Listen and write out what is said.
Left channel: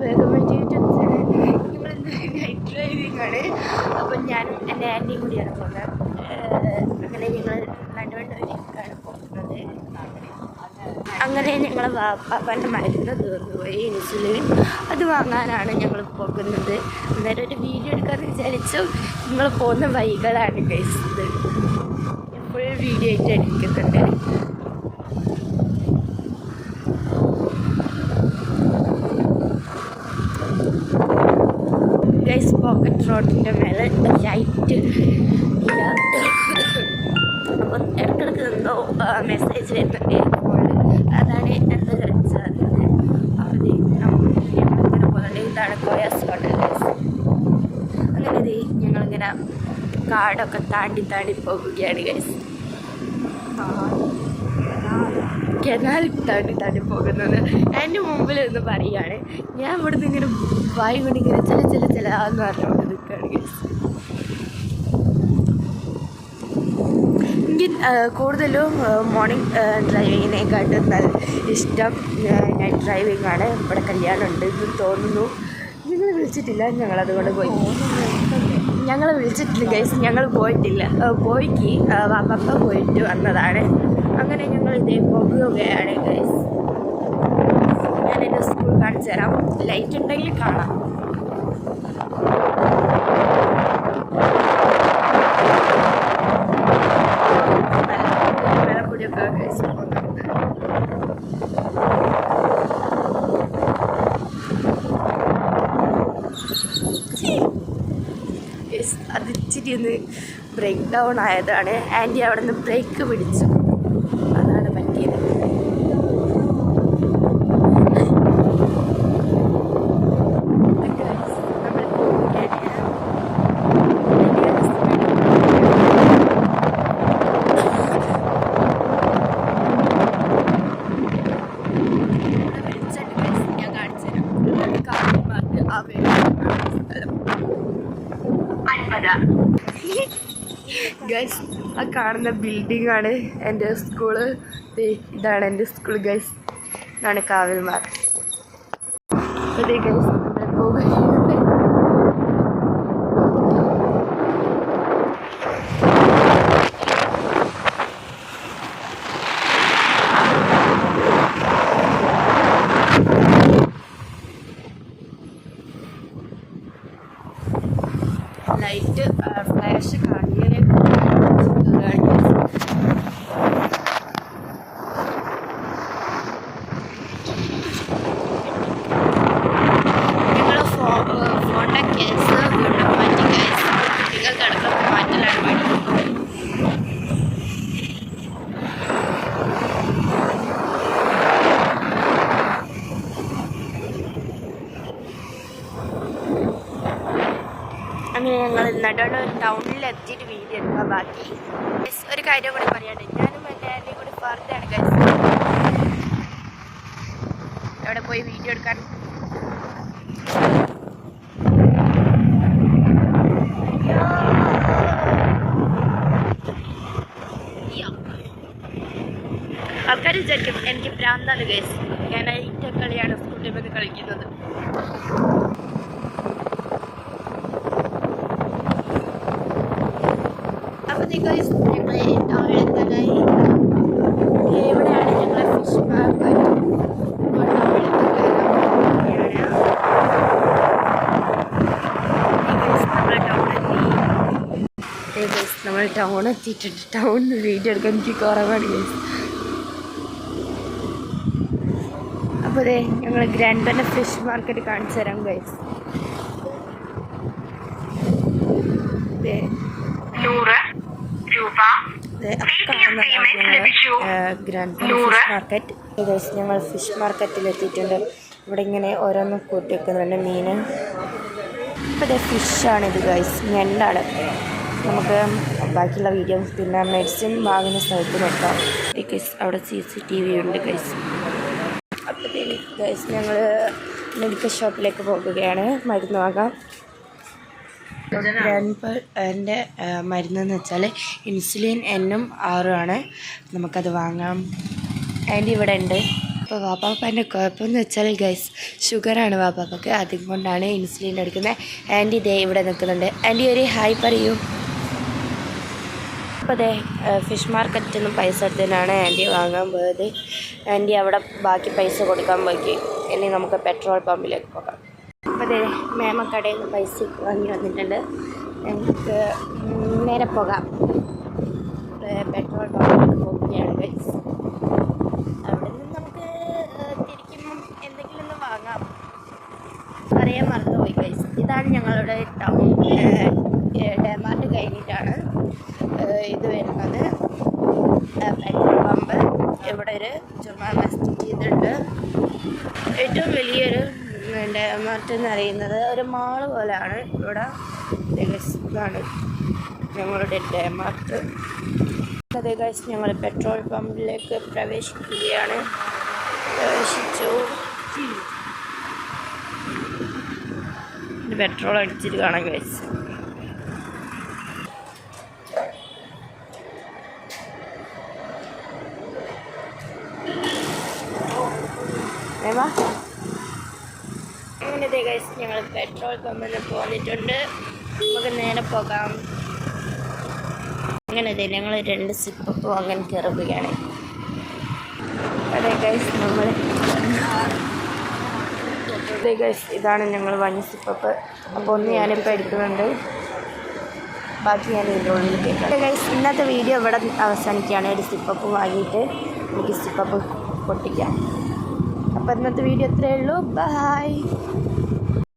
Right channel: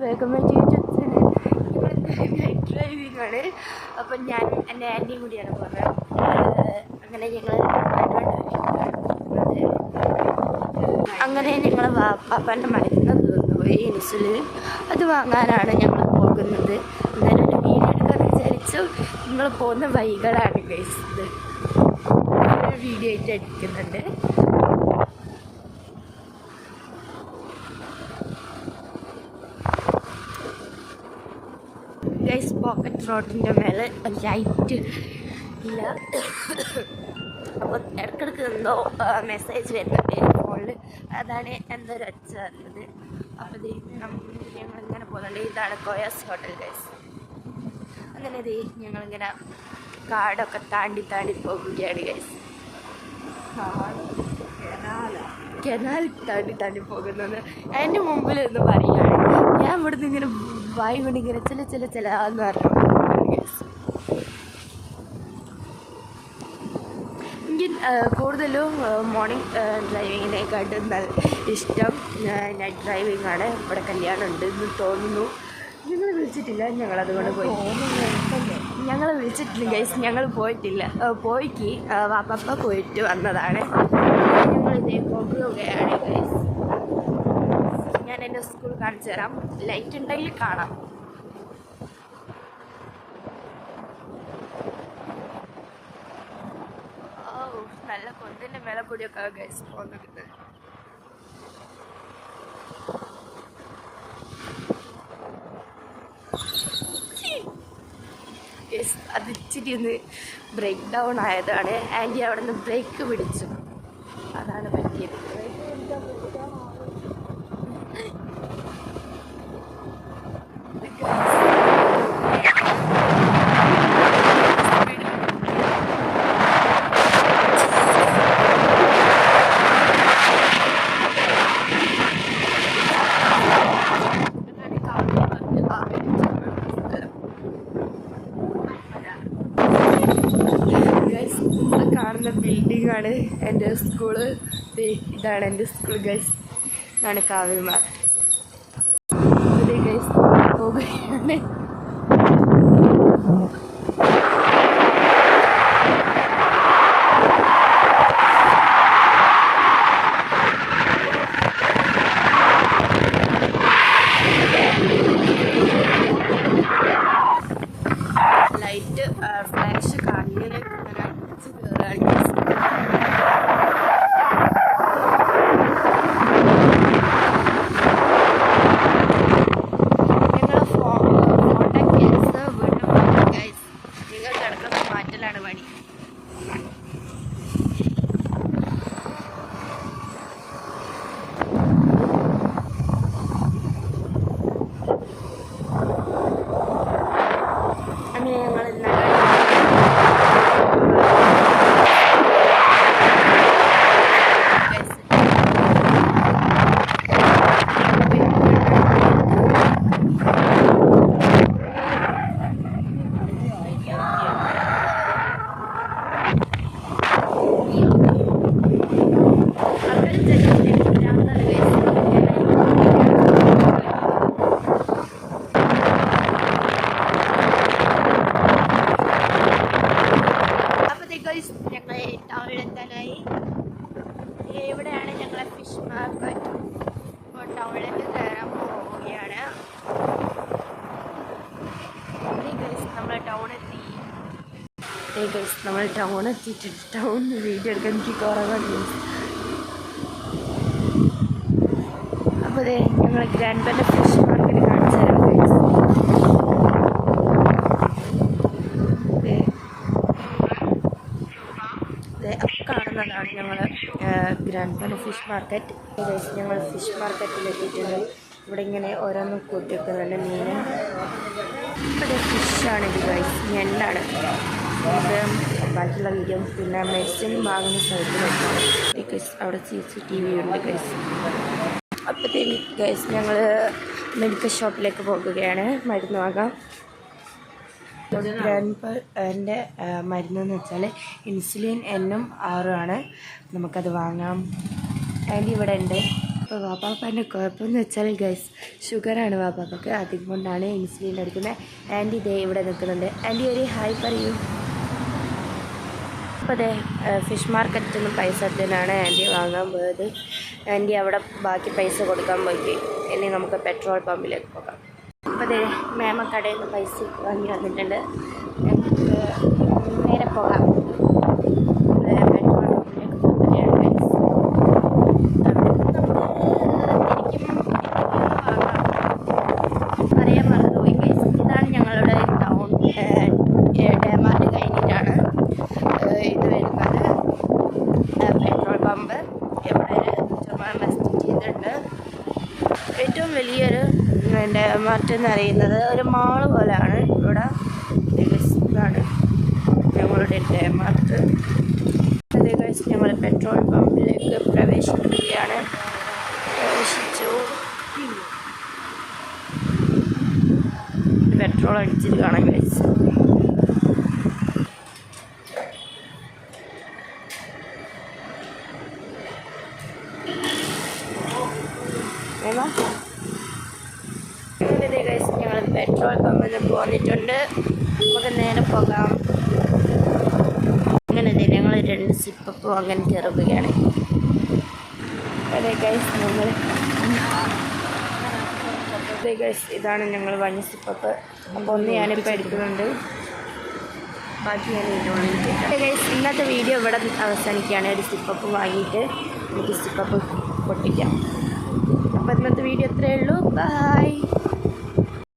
Government YouTube channel. ഞങ്ങളിന്ന് night driving ആണ്. അപ്പം ഞാനും എൻ്റെ ആൻറ്റിയും കൂടിയാണ് പോകുന്നത്. അങ്ങനെ ഞങ്ങൾ അങ്ങനെ ഞങ്ങൾ പാപ്പാൻ്റെ മരുന്ന് തീർന്നുപോയി, ഇൻസുലിൻ. അത് വാങ്ങാനാണ് ഞങ്ങൾ പോകുന്നത്. എന്തായാലും ഒരു വീഡിയോ എടുക്കാമെന്ന് വിചാരിച്ചു. നിങ്ങൾ പോകുന്ന വഴികളാണ് ഗൈസ്. ഇത് ഫുൾ വീഡിയോ ആയിട്ട് എടുക്കുന്നുണ്ട്. ഗൈസ് പോക്കറ്റ് റോഡിൻ്റെ മേലെ ലൈറ്റ് ഇല്ല. അപ്പം ഇടയ്ക്കിടയ്ക്ക് എന്തോ മെസ്സേജ് വരുന്നുണ്ട് ഫോണിൽ. അതാണ് എന്താ വെച്ചാൽ അപ്പോൾ ഞങ്ങളിങ്ങനെ പോകുന്നുണ്ട്. ഇതാണ് കോയാസ് ഹോട്ടൽ ഗൈസ്. അങ്ങനെ ഞങ്ങളിങ്ങനെ കാടൊക്കെ താണ്ടി പോകുകയാണ് ഗൈസ്. കനാൽ താണ്ടി പോകുന്നത് എൻ്റെ മുമ്പിൽ നിന്ന് പറയുകയാണ്. ഞാൻ ഇവിടുന്ന് ഇങ്ങനെ വായി കൊണ്ടിങ്ങനെ ചില പറഞ്ഞു ഗൈസ്. എനിക്ക് കൂടുതലും മോർണിംഗ് ഡ്രൈവിങ്ങിനെക്കാട്ടും നല്ല ഇഷ്ടം നൈറ്റ് ഡ്രൈവിംഗ് ആണ്. ഇവിടെ കല്യാണം ഉണ്ട് എന്ന് തോന്നുന്നു. നിങ്ങൾ വിളിച്ചിട്ടില്ല, ഞങ്ങളതുകൊണ്ട് പോയി. ഞങ്ങൾ വിളിച്ചിട്ടില്ല ഗൈസ്, ഞങ്ങൾ പോയിട്ടില്ല. പോയിക്ക് വാപ്പ പോയിട്ട് വന്നതാണ്. അങ്ങനെ ഞങ്ങൾ ഇതേ പോകുകയാണ് ഗൈസ്. ഞാൻ എൻ്റെ സ്കൂൾ കാണിച്ചു തരാം. ലൈറ്റ് ഉണ്ടെങ്കിൽ കാണാം. വിലപ്പൊടിയൊക്കെ ഗൈസ് പോകുന്നുണ്ട്. അത് ഇച്ചിരി ഒന്ന് ബ്രേക്ക് ഡൗൺ ആയതാണ്. ആൻറ്റി അവിടെ നിന്ന് ബ്രേക്ക് പിടിച്ചു, അതാണ് പറ്റിയത്. ഗൈസ് ആ കാണുന്ന ബിൽഡിംഗ് ആണ് എൻ്റെ സ്കൂള്. ഇതാണ് എൻ്റെ സ്കൂൾ ഗൈസ്. ഇതാണ് കാവൽമാർ. അതെ ഗൈസ് പോകുകയാണ്. ലൈറ്റ് ഫ്ലാഷ് കണ്ണിന് ഞങ്ങൾ ഫോണിൻ്റെ കേസ് വീണ്ടും മാറ്റി ഗൈസ്. നിങ്ങൾക്ക് ഇടയ്ക്ക് മാറ്റലാണ് പണി. അങ്ങനെ ഞങ്ങൾ ആൾക്കാർ വിചാരിക്കും എനിക്ക് ഭ്രാന്താണ് ഗൈസ്. ഞാൻ ഈ കളിയാണ് കളിക്കുന്നത്. ഗൈസ് ഞങ്ങൾ ടൗണിലെത്താനായി. എവിടെയാണ് ഞങ്ങൾ ഫിഷ് മാർക്കറ്റ്. നമ്മൾ ടൗൺ എത്തിയിട്ടുണ്ട്. ടൗണിൽ വീഡിയോ എടുക്കാൻ എനിക്ക് കുറവാണ് ഗൈസ്. അപ്പോൾ അതെ ഞങ്ങൾ ഗ്രാൻഡ് ബെന്ന ഫിഷ് മാർക്കറ്റ് കാണിച്ചു തരാം ഗൈസ്. കാണുന്നതാണ് ഞങ്ങൾ grand Benna fish market. Guys ഞങ്ങൾ ഫിഷ് മാർക്കറ്റിൽ എത്തിയിട്ടുണ്ട്. ഇവിടെ ഇങ്ങനെ ഓരോന്നും കൂട്ടി വെക്കുന്നുണ്ട് മീനും. ഇവിടെ ഫിഷാണിത് ഗൈസ്, ഞണ്ടാണ്. നമുക്ക് ബാക്കിയുള്ള വീഡിയോ പിന്നെ മെഡിസിൻ വാങ്ങുന്ന സ്ഥലത്ത് നോക്കാം ഗൈസ്. അവിടെ CCTV ഉണ്ട് ഗൈസ്. അപ്പോഴത്തേക്ക് ഗൈസ് ഞങ്ങൾ മെഡിക്കൽ ഷോപ്പിലേക്ക് പോകുകയാണ് മരുന്ന് വാങ്ങാം. എൻ്റെ മരുന്നെന്ന് വെച്ചാൽ ഇൻസുലിൻ N ഉം R ഉം ആണ്. നമുക്കത് വാങ്ങാം. ആൻറ്റി ഇവിടെ ഉണ്ട്. അപ്പോൾ വാപ്പാപ്പൻ്റെ കുഴപ്പമെന്ന് വെച്ചാൽ ഗൈസ് ഷുഗറാണ് വാപ്പാപ്പക്ക്, അതുകൊണ്ടാണ് ഇൻസുലിൻ എടുക്കുന്നത്. ആൻറ്റി ദേ ഇവിടെ നിൽക്കുന്നുണ്ട്. ആൻറ്റി ഒരു ഹായ് പറയൂ. അപ്പോൾ അതെ ഫിഷ് മാർക്കറ്റിൽ നിന്നും പൈസ എടുത്തതിനാണ് ആൻറ്റി വാങ്ങാൻ പോയത്. ആൻറ്റി അവിടെ ബാക്കി പൈസ കൊടുക്കാൻ പോയി. ഇനി നമുക്ക് പെട്രോൾ പമ്പിലേക്ക് പോകാം. അപ്പോൾ അതെ മേമ കടയിൽ നിന്ന് പൈസ വാങ്ങി വന്നിട്ടുണ്ട്. എനിക്ക് നേരെ പോകാം പെട്രോൾ പമ്പിലേക്ക് പോവുകയാണ് ഗൈസ്. പറയാൻ മറന്നുപോയി ഗൈസ്. ഇതാണ് ഞങ്ങളുടെ ടൗൺ. ഡെമാർട്ട് കഴിഞ്ഞിട്ടാണ് ഇത് വരുന്നത് പെട്രോൾ പമ്പ്. ഇവിടെ ഒരു ചുമ്മാ മെസ്റ്റ് ചെയ്തിട്ടുണ്ട്. ഏറ്റവും വലിയൊരു ഡെമാർട്ട് എന്ന് പറയുന്നത് ഒരു മാള് പോലെയാണ്. ഇവിടെ ഇതാണ് ഞങ്ങളുടെ ഡെമാർട്ട്. അതേ ഗൈസ് ഞങ്ങൾ പെട്രോൾ പമ്പിലേക്ക് പ്രവേശിക്കുകയാണ്. പ്രവേശിച്ചു. പെട്രോൾ അടിച്ചിട്ട് കാണാം ഗൈസ്. അങ്ങനെ ഗൈസ് ഞങ്ങൾ പെട്രോൾ പമ്പിൽ നിന്ന് പോന്നിട്ടുണ്ട്. നമുക്ക് നേരെ പോകാം. അങ്ങനെ ഞങ്ങൾ 2 സിപ്പപ്പ് അങ്ങനെ കയറുകയാണ്. അതെ ഗൈസ് ഇതാണ് ഞങ്ങൾ വാങ്ങിയ സിപ്പപ്പ്. അപ്പോൾ ഒന്ന് ഞാനിപ്പോൾ എടുക്കുന്നുണ്ട്, ബാക്കി ഞാൻ ഇതിൻ്റെ ഉള്ളിൽ കേൾക്കാം. ഗൈസ് ഇന്നത്തെ വീഡിയോ ഇവിടെ അവസാനിക്കുകയാണ്. ഒരു സിപ്പപ്പ് വാങ്ങിയിട്ട് നമുക്ക് സിപ്പപ്പ് പൊട്ടിക്കാം. അപ്പോൾ ഇന്നത്തെ വീഡിയോ ഇത്രയേ ഉള്ളൂ. ബൈ.